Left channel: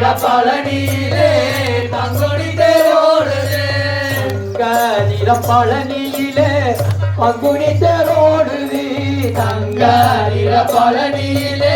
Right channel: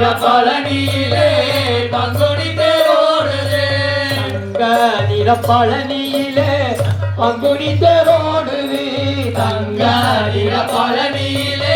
நீல பழனியிலே பங்குனி தேரோடுதே. நீல பழனியிலே பங்குனி தேரோடுது. தங்க நில பழனியிலே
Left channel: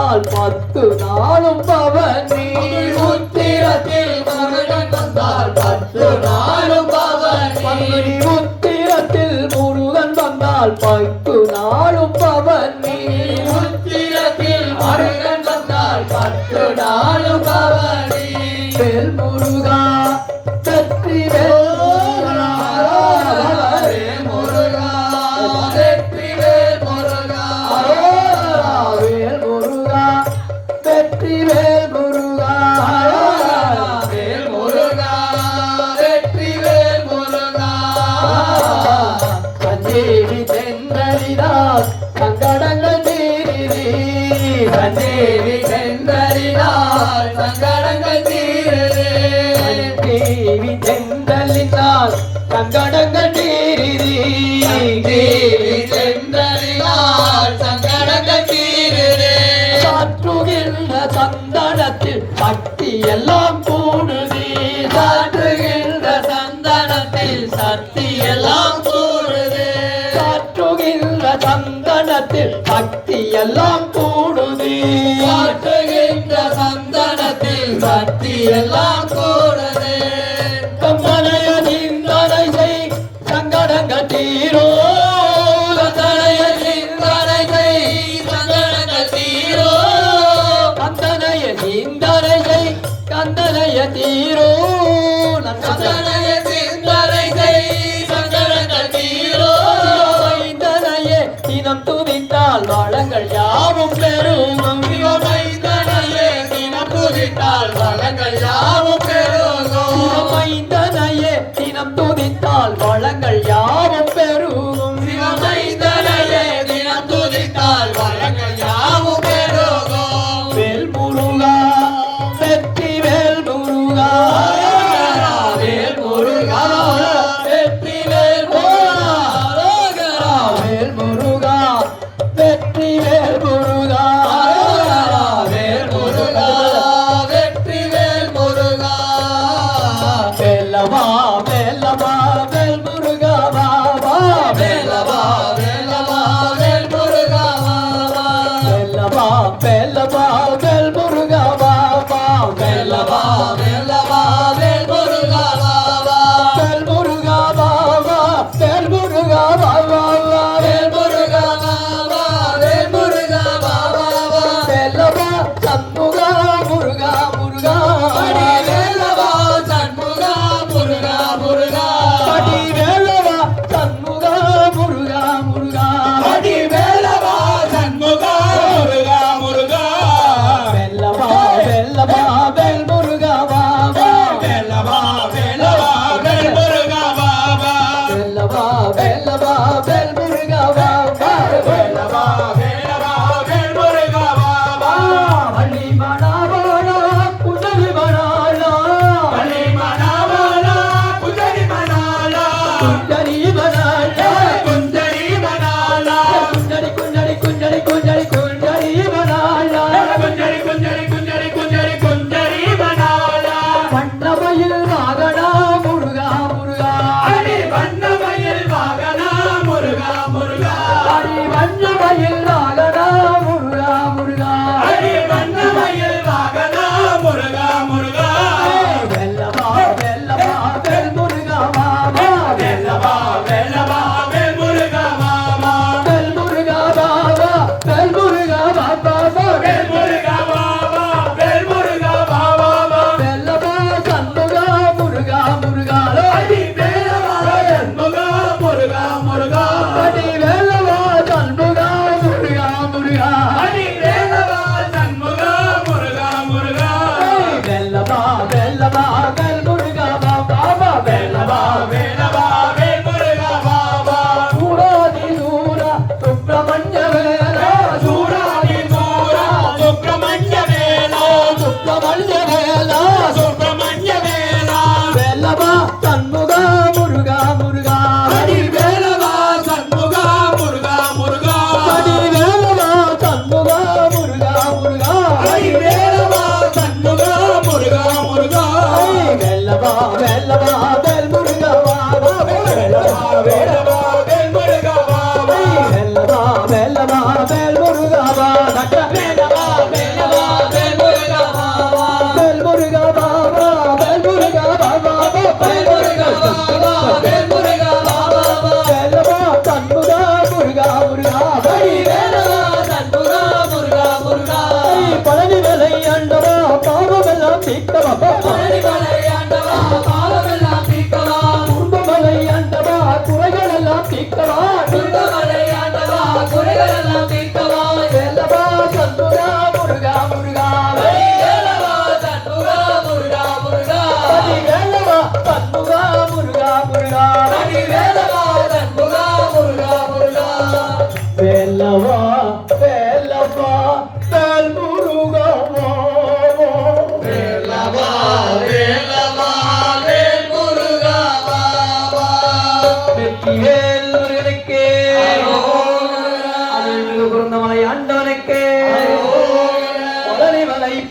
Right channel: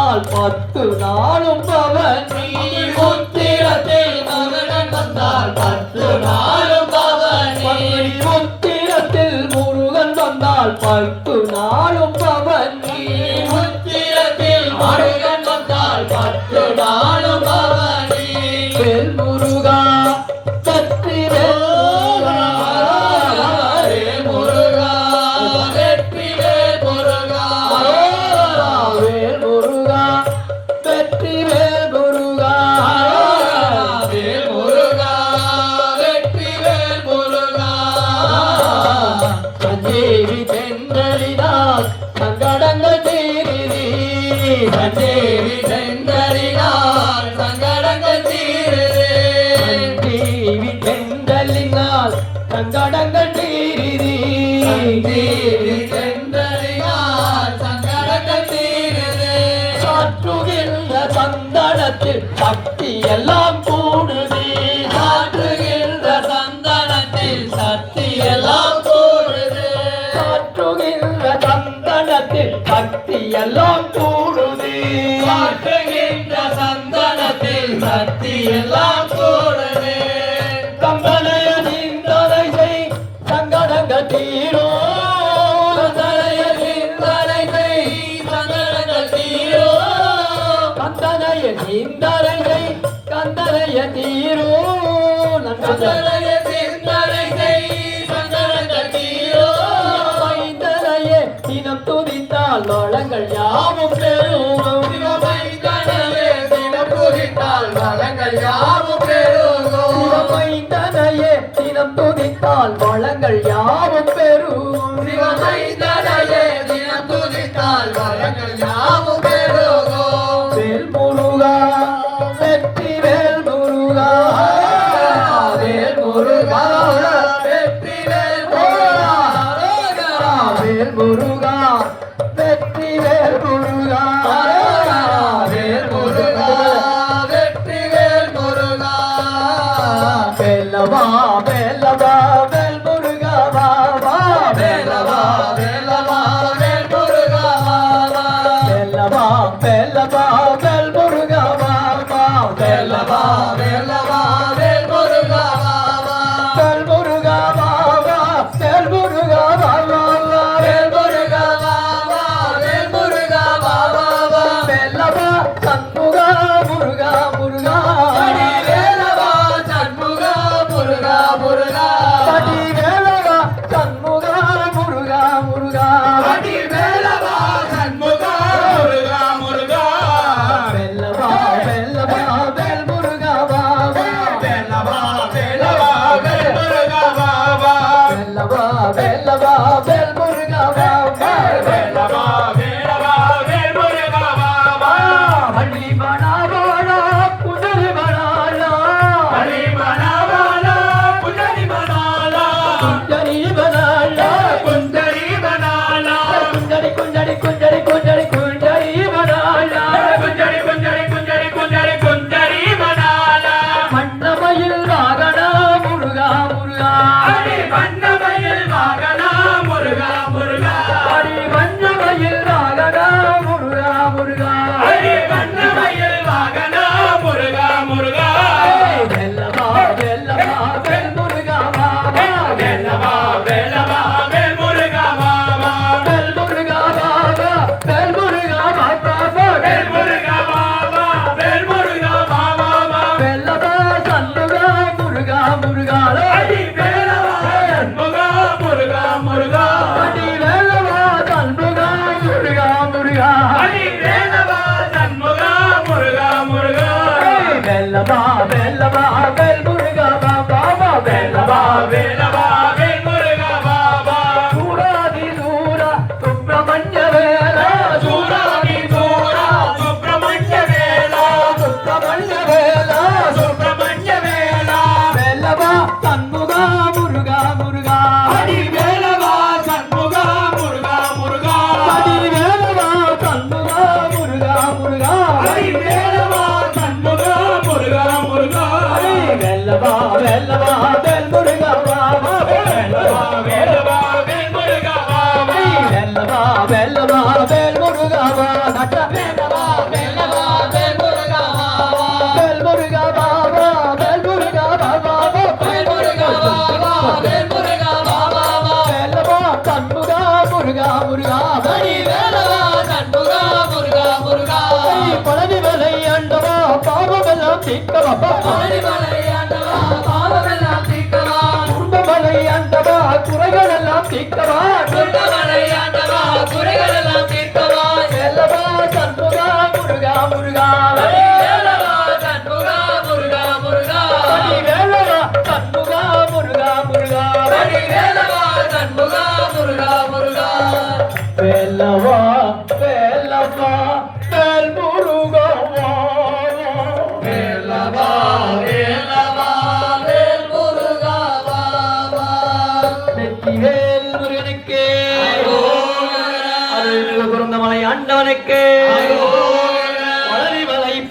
வந்தால் பத்து நாளும் பவனி உத்திரத்தில் மகடன் வந்தால் பத்து நாளும் பவனி உத்திரத்தில் முருகன் வந்தால் பத்து நாளும் பவனி உத்திரத்தில் மகன் வந்தால் பத்து நாளும் பவனி சக்தியெல்லாம் கூடுது காற்றுகின்ற சந்தனத்தில் சக்தியெல்லாம் கூடுது. காற்றுகின்ற சந்தனத்தில் சக்தியெல்லாம் 了。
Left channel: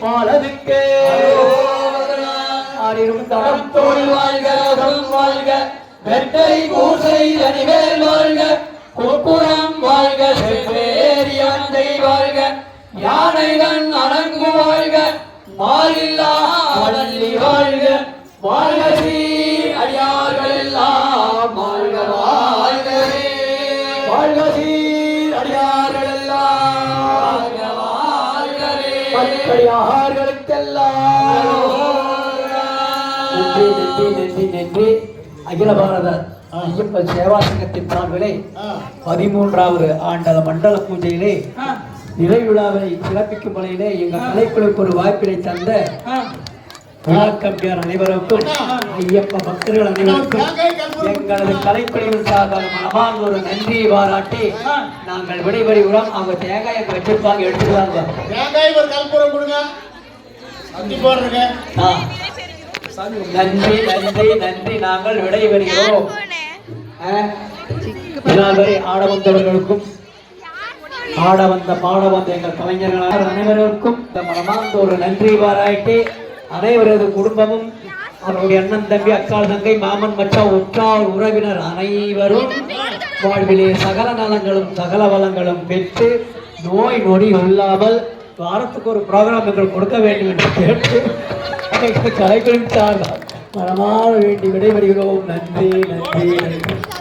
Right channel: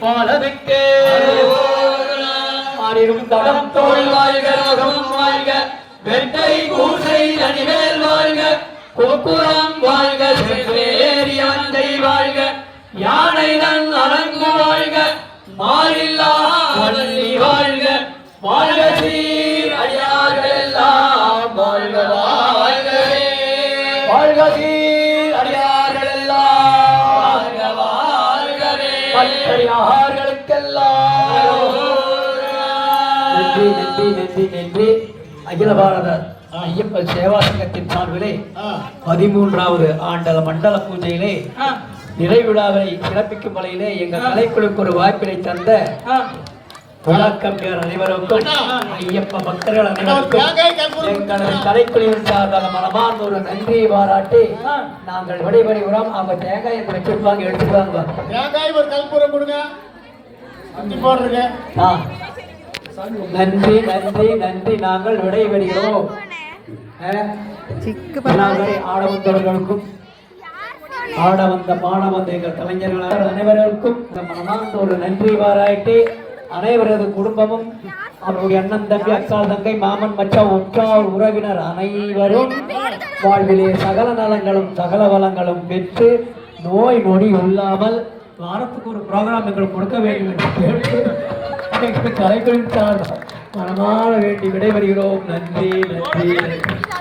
மலை தடம் தோல் வாழ்க யோகம் வாழ்க. வெட்டை கூசை அணிவேல் வாழ்க. கோபுரம் வாழ்க செவ்வேரி வாழ்க. யானை தன் அரங்கு வாழ்க. மாறில்லா வள்ளி வாழ்க. வாழ்க நன்றி நன்றி நன்றி நன்றி. அகில பாரத ஐயப்பன் சேவா சங்கத்தின் சார்பிலே பதிமூன்றாவது ஆண்டல மண்டல பூஜையிலே நிறைவிழாவை சிறப்பிக்கும் வகையிலே எங்கள் கலைக்குழுக்கு ஒரு வாய்ப்பினை தந்த விழாக்கம்பியார் அனைவருக்கும் ஐயப்ப பக்தர்கள் அனைவருக்கும் எங்களது கலைக்குழுவின் சார்பாக மனமார்ந்த ஒரு நன்றியை பாராட்டி நாங்கள் விடைபெறுகிறோம் அவங்க தேங்காயை வச்சிருப்பாங்க எடுத்துருவாங்க தேங்காய் ஒரு கல்புரம் கொடுங்க. அஞ்சு போடுறேங்க. ஆ. நன்றி நன்றி நன்றி. நாங்கள் விடைபெறுகிறோம். ஆ? இதனால் வரை ஆட வந்தவர்களுக்கும் ஆட வந்த பாட வந்த எங்கள் கலைஞர்கள் அனைவருக்கும் மனமார்ந்த ஒரு நன்றி பாராட்டி அனைவரது குடும்பமும் அவருடைய அண்ணன் தம்பி அக்காள் தங்கை மாமன் மச்சான் உற்றார் உறவினர் அனைவரும் வாழ்விலே சகல நலங்களும் சகல வளங்களும் பெற்று நோய் நொடி இல்லாமல் வாரத்துக்கு ஒரு ப்ரோக்ராம் எங்களுக்கு கொடுக்க வேண்டும் என்று கேட்டு எங்கள் கலைகளின் வேண்டி விடைபெறுகிறோம். நன்றி நன்றி நன்றி.